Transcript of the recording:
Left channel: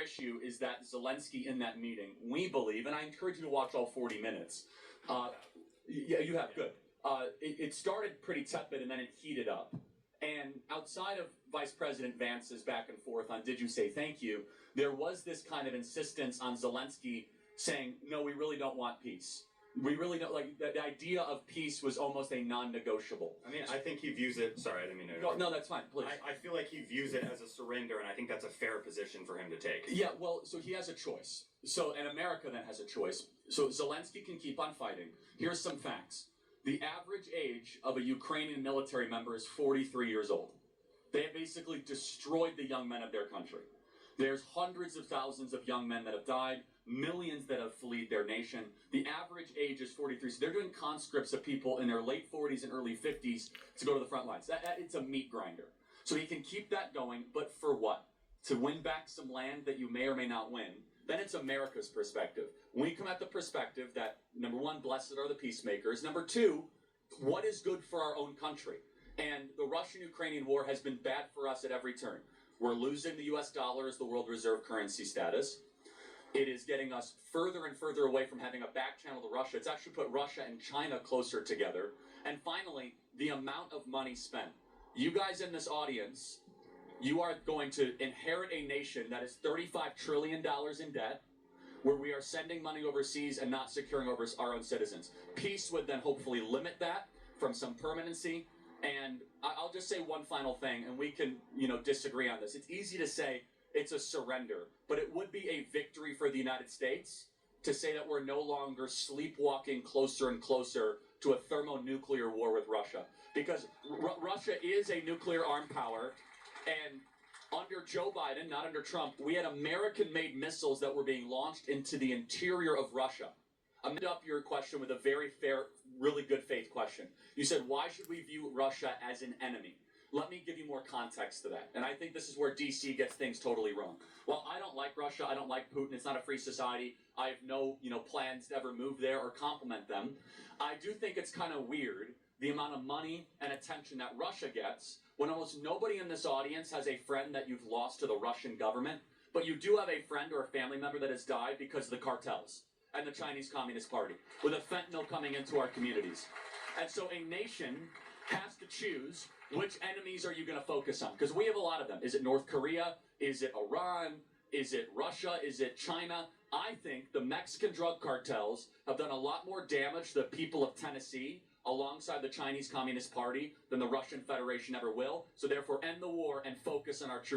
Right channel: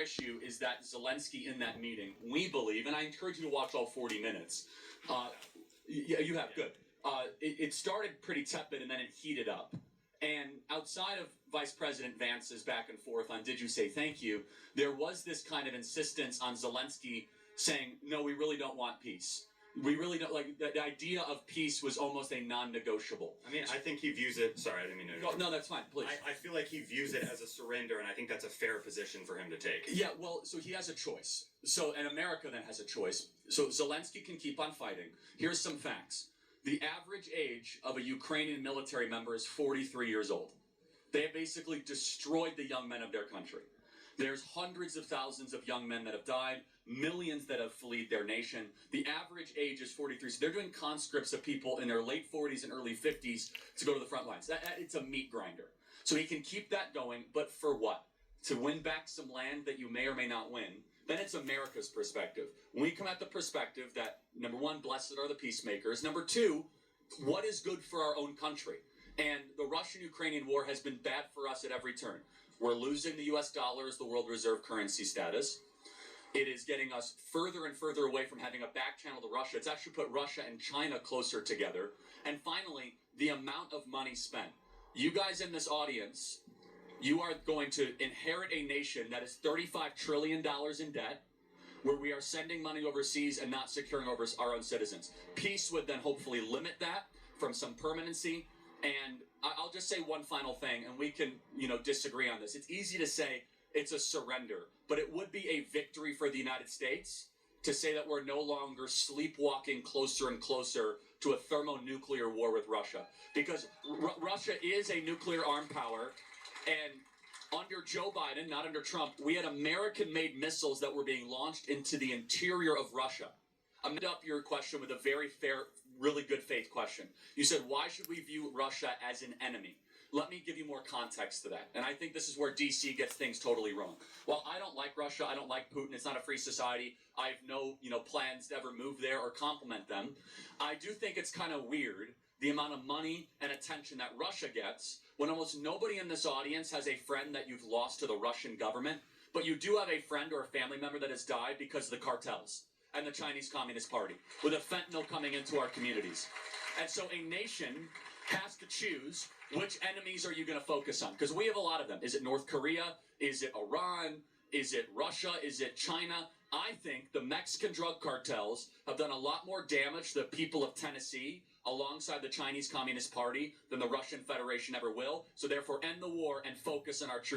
issue is that Zelensky in that meeting, we believe, and I encourage you to watch all 40 minutes. Yeah, you have, good. It started pretty tepid and then it heated up. And outside of Vice President Vance's back and forth on did you say thank you, there was this kind of insistence on Zelensky saying, no, we really don't want peace. We really don't, like, the idea of peace was almost a non-negotiable. I mean, I think he views it, sorry, I didn't mean to interrupt. No, that's fine, please. I feel like he views it as a surrender, and I think that's a fair position for him to take. Yeah, well, so he has a choice. And America then has a choice. So Zelensky can keep on fighting. Here's some facts. The average age of a Ukrainian military member is 43 years old. They have basically destroyed the young men of their country. There's hundreds of thousands of young men that have died, millions that have fled their nation. The average age is 43. So they're doing conscripts of people in their late 40s and early 50s to go to the front lines. It's a meat grinder. So he can keep that going, but for what? To win back some land that you may or may not win. Then it's America's perspective. We come at the perspective that, number one, blessed are the peacemakers. Number two, what is good for our own country? And the Russian-Ukrainian war has been bad for us at every turn. We're losing the US dollar as the world reserve currency status. It is getting us further and further away from having a back channel to Russia. It's actually put Russia and China closer together. And finally, the amount of money spent. You guys in this audience, you are going to inherit a nation that is $35 trillion in debt, where we are sending money overseas and not securing over our own citizens. Peace would then hopefully limit that from some permanency. And I'll just say one final thing, and we can, disagree on this. It's easy to say it's a surrender, but it would be a victory for the United States to say that we're no longer sleepwalking closer and closer to a thermonuclear war with Russia. Because Russia is a nuclear armed power, and under Joe Biden, not under Trump, we had American-made missiles that were being launched into the interior of Russia. I'm going to up your question with a very fair, really good faith question. You said, why should we view Russia as an enemy? Let me give you more context to that. And I think this is where DC gets things totally wrong. Well, I don't like Russia. I don't like Putin. It's not a free society. I have no, plans to ever move there or compliment them. I do think it's kind of weird, the amount of money and attention that Russia gets when almost nobody in this audience has a friend that you've lost to the Russian government, but you do have a friend or a family member that has died because of the cartels and the Chinese Communist Party, with a fentanyl coming into our communities. And so a nation has to choose which enemies are you going to focus on? Because we have a lot of them. Is it North Korea? Is it Iran? Is it Russia? Is it China? I think the Mexican drug cartels have done a lot more damage to the people of Tennessee alongside the Chinese Communist Party than the Russian Federation ever will. So therefore, end the war and focus on our true